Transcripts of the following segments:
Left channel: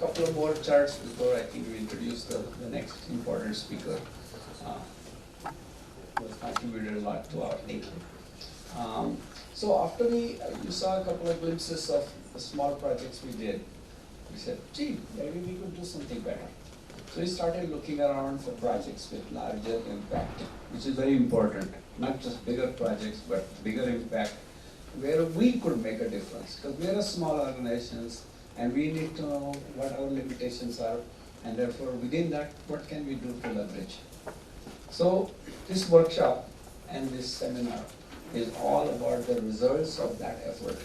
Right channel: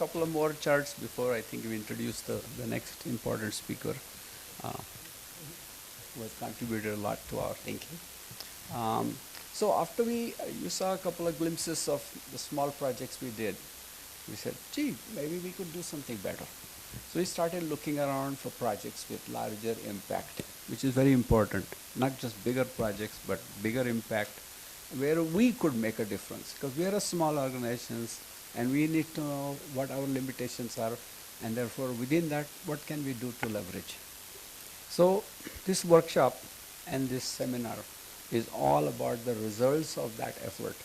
couple of more charts before I think we introduce the next important speaker. Who has contributed a lot to our thinking. So after you saw a couple of glimpses of the small projects we did, we said, gee, maybe we could do something better. So we started looking around for projects with larger impact, which is very important. Not just bigger projects, but bigger impact, where we could make a difference. Because we are a small organizations, and we need to know what our limitations are, and therefore within that, what can we do to leverage. So this workshop and this seminar is all about the results of that effort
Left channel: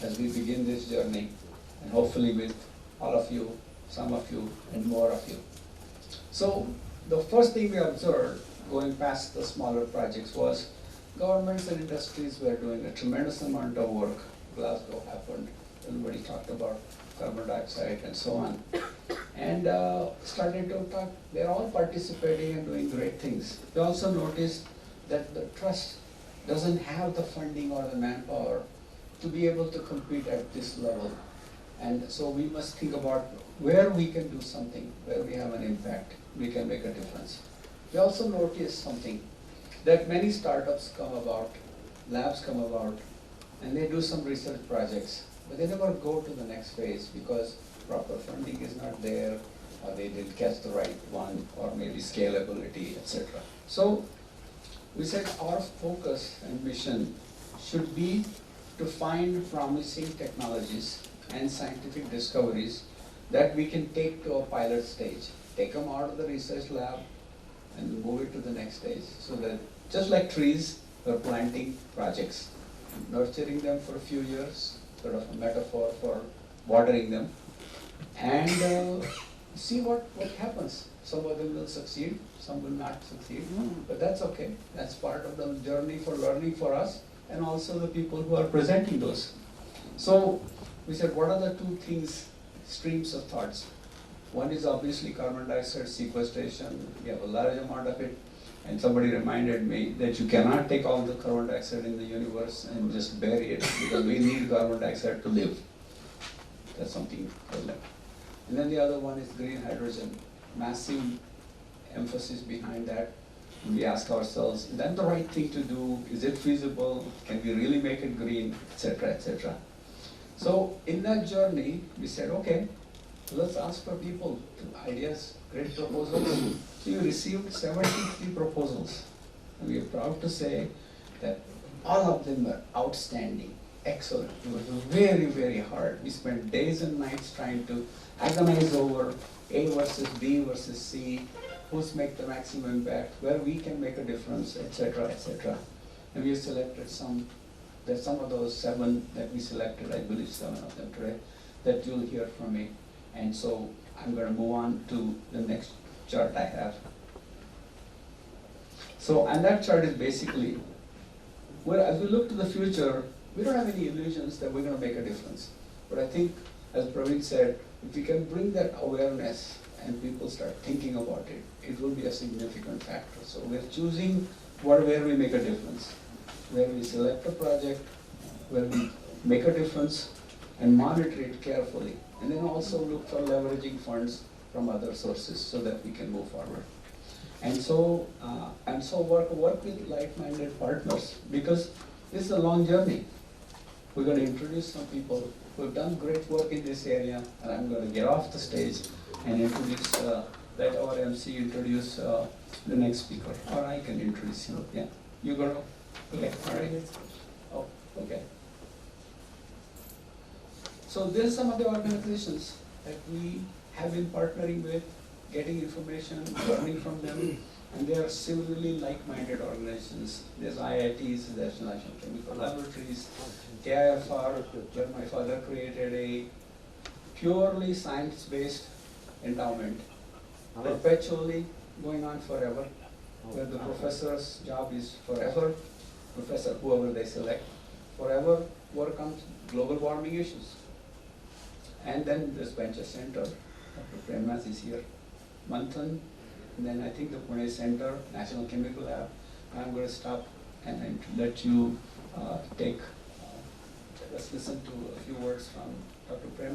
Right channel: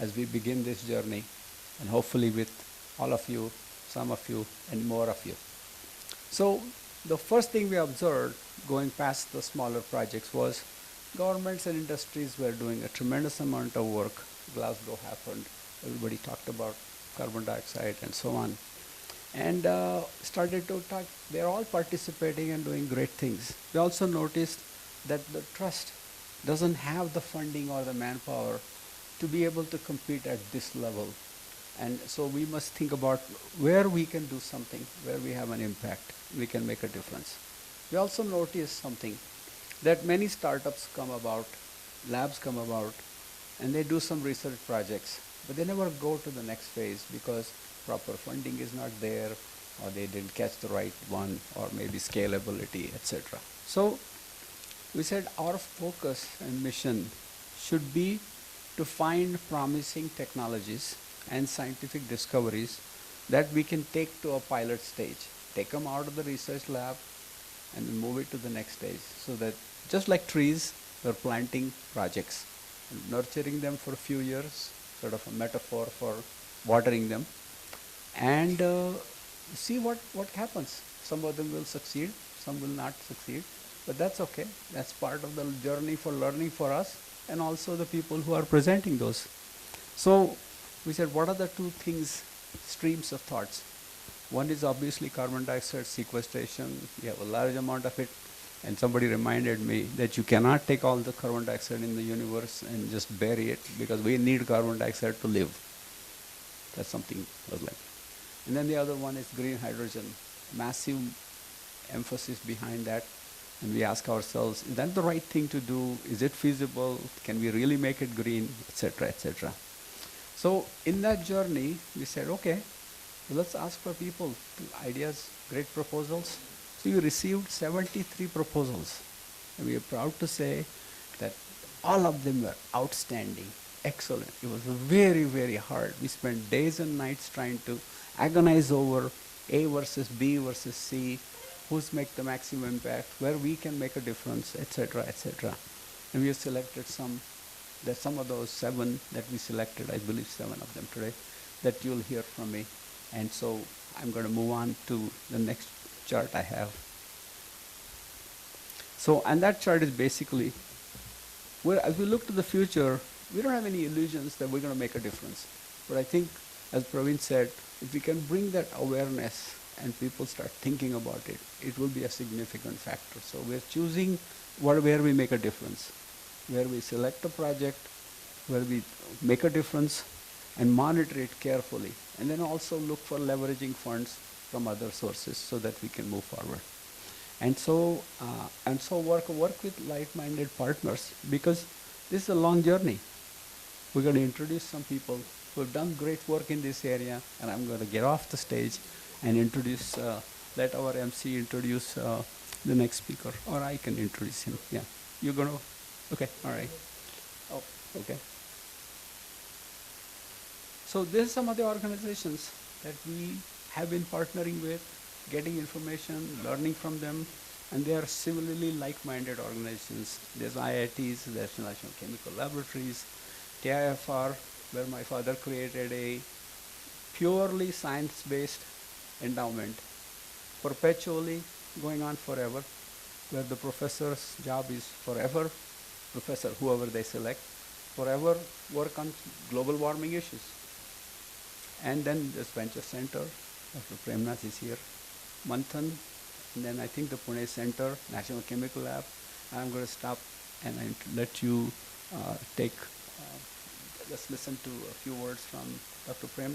as we begin this journey, and hopefully with all of you, some of you, and more of you. So the first thing we observed going past the smaller projects was governments and industries were doing a tremendous amount of work. Glasgow happened, everybody talked about carbon dioxide and so on. And started to talk, they're all participating and doing great things. We also noticed that the trust doesn't have the funding or the manpower to be able to compete at this level. And so we must think about where we can do something, where we have an impact, we can make a difference. We also noticed something, that many startups come about, labs come about, and they do some research projects, but they never go to the next phase because proper funding is not there, or they didn't catch the right one, or maybe scalability, etc. So we said our focus and mission should be to find promising technologies and scientific discoveries that we can take to a pilot stage, take them out of the research lab and move it to the next stage. So that just like trees, we're planting projects, nurturing them for a few years, sort of a metaphor for watering them, and see what happens. Some of them will succeed, some will not succeed, but that's okay. That's part of the journey for learning for us and also the people who are presenting those. So we said, what are the two things, streams of thoughts? One is obviously carbon dioxide sequestration. We have a large amount of it, and somebody reminded me that you cannot take all the carbon dioxide in the universe and just bury it, because we need carbon dioxide to live. That's something problem. And then the other one is green hydrogen. Massive emphasis behind that. And we ask ourselves, is that the right thing to do? Is it feasible? Can we really make it green? Etc., etc. So in that journey, we said, okay, let's ask for people, ideas, great proposals. So we received 73 proposals. And we are proud to say that all of them were outstanding, excellent. It was very, very hard. We spent days and nights trying to agonize over A versus B versus C, who's make the maximum impact, where we can make a difference, etc., etc. And we have selected some. There's some of those 7 that we selected, I believe 7 of them today, that you'll hear from me. And so I'm going to move on to the next chart I have. So, and that chart is basically, where as we look to the future, we don't have any illusions that we're going to make a difference. But I think, as Praveen said, if we can bring that awareness and people start thinking about it, it will be a significant factor. So we're choosing where we make a difference, where we select a project, where we make a difference and monitor it carefully. And then also look for leveraging funds from other sources so that we can move forward. And so, work with like-minded partners, because this is a long journey. We're going to introduce some people who have done great work in this area, and I'm going to get off the stage and introduce, let our MC introduce the next speaker, or I can introduce him. Yeah, you're going to, okay, all right. Oh, okay. So there's some of the organizations that we have been partnering with, getting information, learning from them, and they are similarly like-minded organizations. There's IITs, there's National Chemical Laboratories, TIFR, where my father created a purely science-based endowment, perpetually going on forever, where the professor's job is forever, professor, whoever they select, forever work on global warming issues. And then the Spencer Center, Dr. Premnath is here, Manthan, and then I think the Pune Center, National Chemical Lab. I'm going to stop and let you just listen to a few words from Dr. Prem.